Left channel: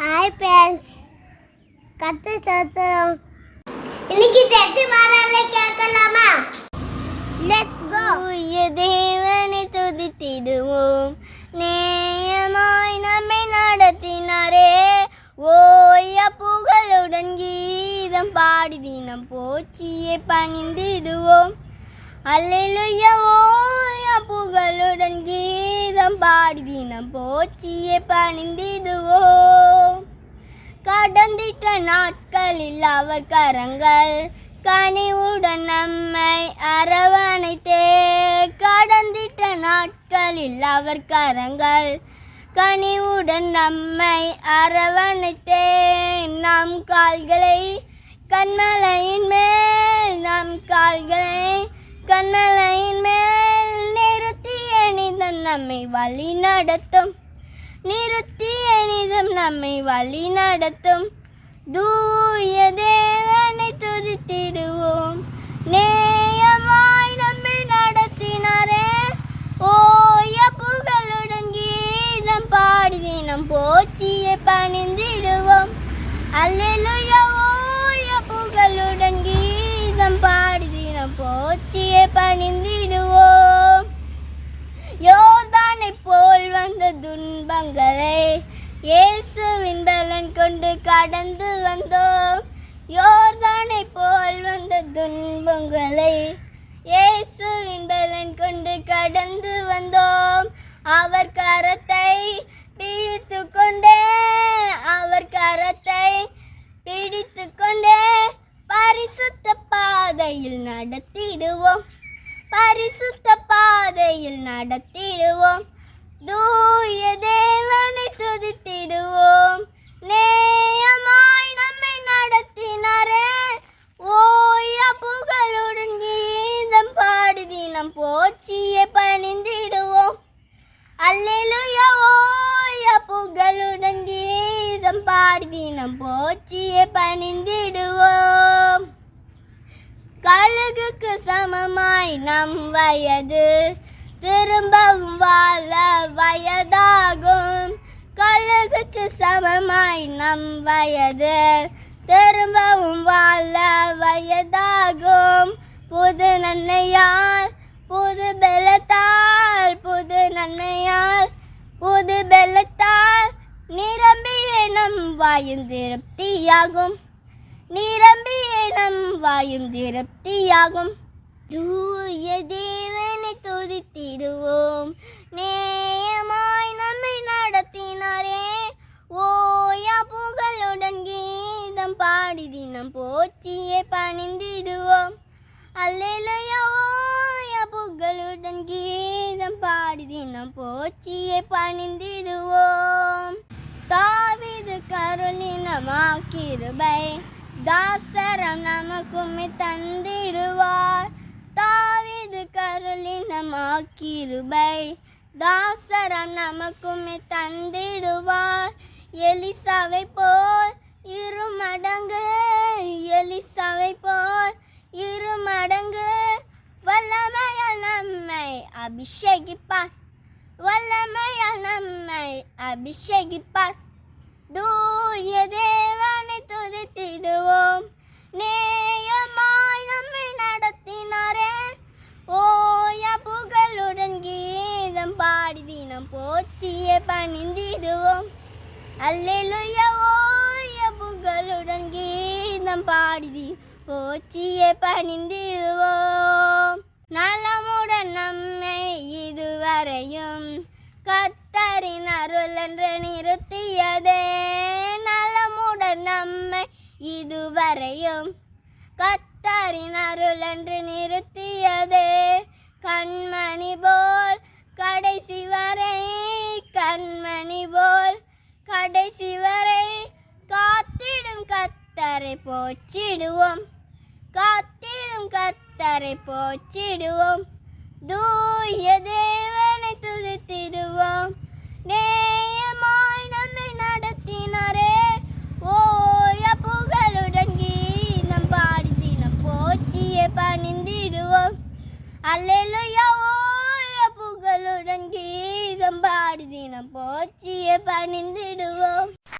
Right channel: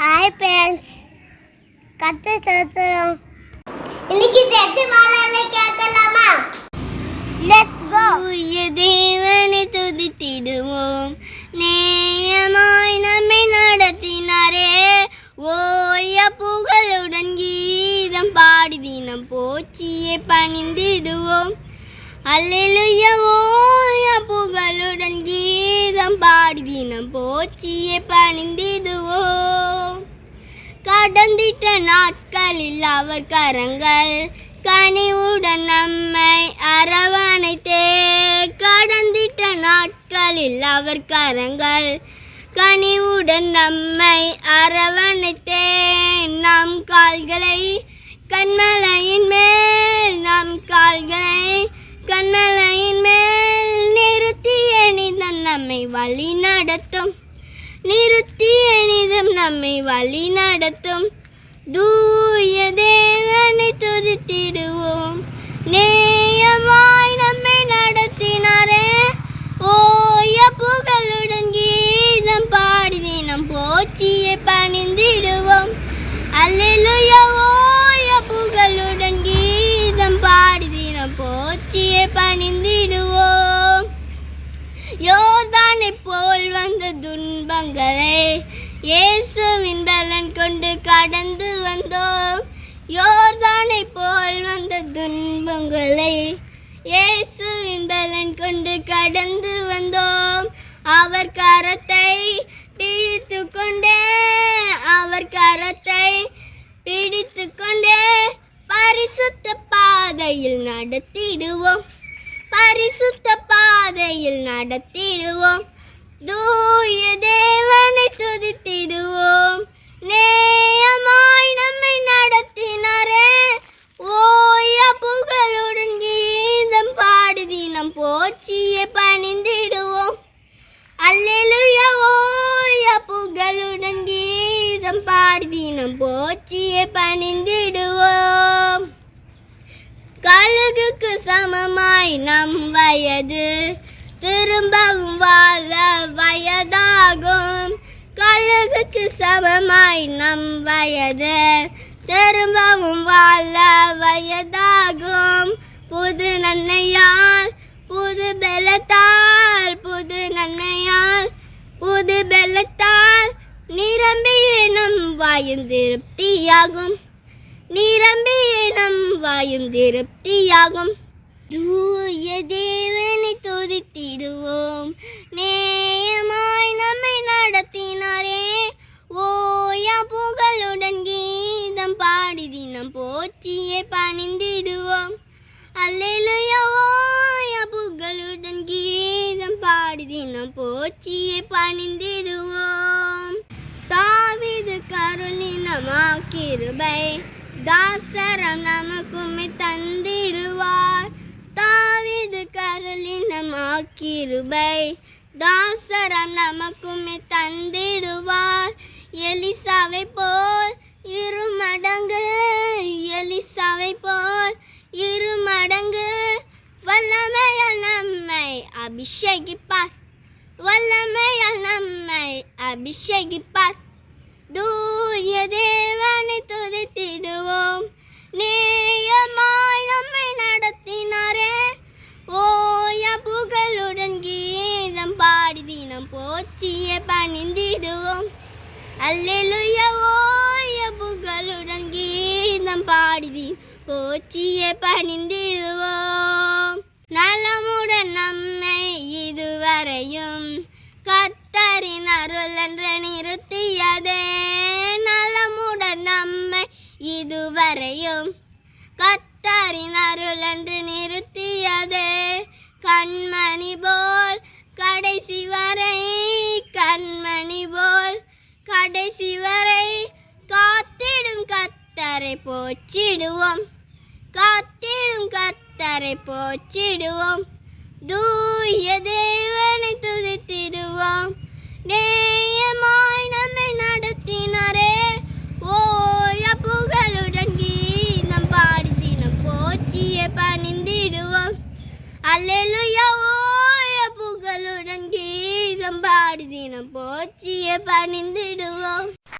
Hi parents கத்து சத்துறோம் இன்னைக்கு church வரல கேட்கலாமா? லெட்ஸ் கோ தூய தேவனை துதித்திடுவோம். நேயமாய் நம்மை நடத்தினாரே. ஓய புகழுடன் கீதம் பாடி தினம் போச்சியை பணிந்திடுவோம். அல்லேலூயா புகழுடன் கீதம் பாடி தினம் போச்சியை பணிந்திடுவோம். கடந்திட்ட நாட்களில் அவர் கரங்கள் கனிவுடன் நம்மை அரவணைத்தே. கடந்திட்ட நாட்களில் அவர் கரங்கள் கனிவுடன் நம்மை அரவணைத்தே. நம் கால்களை கண்மலையின் மேல் நம் கால்களை கண்மலையின் மேல் நிறுத்தி எனிதம் நம்மை வழி நடத்தும். நிறுத்தி எனிதம் நம்மை வழி நடத்தும். தூய தேவனை துதித்திடுவோம். நேயமாய் நம்மை நடத்தினாரே. ஓய புகழுடன் கீதம் பாடி தினம் போச்சியை பணிந்திடுவோம். அல்ல துன்பங்களை இயேசுவின் பலன் கொண்டு கடந்து வந்தோம். யோர்தானை போல் வந்த துன்பங்களை இயேசுவின் பலன் கொண்டு கடந்து வந்தோம். அவர் கரத்தை பிடித்து கொண்டே அவர் கரத்தை பிடித்து கொண்டே பரிசுத்த பாதையில் நடத்திடுவோம். பரிசுத்த பாதையில் நடத்திடுவோம். தூய தேவனை துதித்திடுவோம். நேயமாய் நம்மை நடத்தினரே. ஓய புகழுடன் கீதம் பாடி தினம் போச்சியை பணிந்திடுவோம். அல்லெலுய ஓய புகழுடன் கீதம் பாடி தினம் போச்சியை பணிந்திடுவோம். கழுகுக்கு சமமாய் நம் வயது திரும்பவும் வாழ வயதாகும். கழுகுக்கு சமமாய் நம் வயது. திரும்பவும் வாழ வயதாகும். புது நன்மையால் புது பெலத்தால் புது நன்மையால் புது பெலத்தால் நிரம்பிய நம் வாயும் திருப்தியாகும். நிரம்பிய நம் வாயும் திருப்தியாகும். தூய தேவனை துதித்திடுவோம். நேயமாய் நம்மை நடத்தினாரே. ஓயா புகழுடன் கீதம் பாடி தினம் போச்சியை பணிந்திடுவோம். அல்லேலூயா புகழுடன் கீதம் பாடி தினம் போச்சியை பணிந்திடுவோம். தாவிது கருளினமா கிருபை தாசரம் நமக்குமே தந்திடுவார். தாவீது கருளினமாக்கிருபை. தாசரம் நமக்குமே தந்திடுவார். எலிசாவை போல் இரு மடங்கு எலிசாவை போல் இரு மடங்கு. வல்லமையால் நம்மை அபிஷேகிப்பார். வல்லமையால் நம்மை அபிஷேகிப்பார். தூ தினம் பணிந்திடுவோம். அல்லேலூயா ஓய புகழுடன் கீதம் பாடி தினம் போச்சியை பணிந்திடுவோம். நலமுடன் நம்மை இதுவரையும் கத்தரின் அருள் என்று நிறுத்தியதே. நலமுடன் நம்மை இதுவரையும் கத்தரின் அருள் என்று நிறுத்தியதே. கண்மணி போ கடைசி வரை காத்திடும் கத்தரை போச்சிடுவோம் காத்திடும் கத்தரை போச்சிடுவோம் தூய தேவனை துதித்திடுவோம். நேயமாய் நம்மை நடத்தினரே. ஓய புகழுடன் கீதம் பாடுதினம் போச்சியை பணிந்திடுவோம். அல்லையா பாடல்களுடன் கீதம் பாடி தினம் போச்சிய பணிந்திடுவோம்.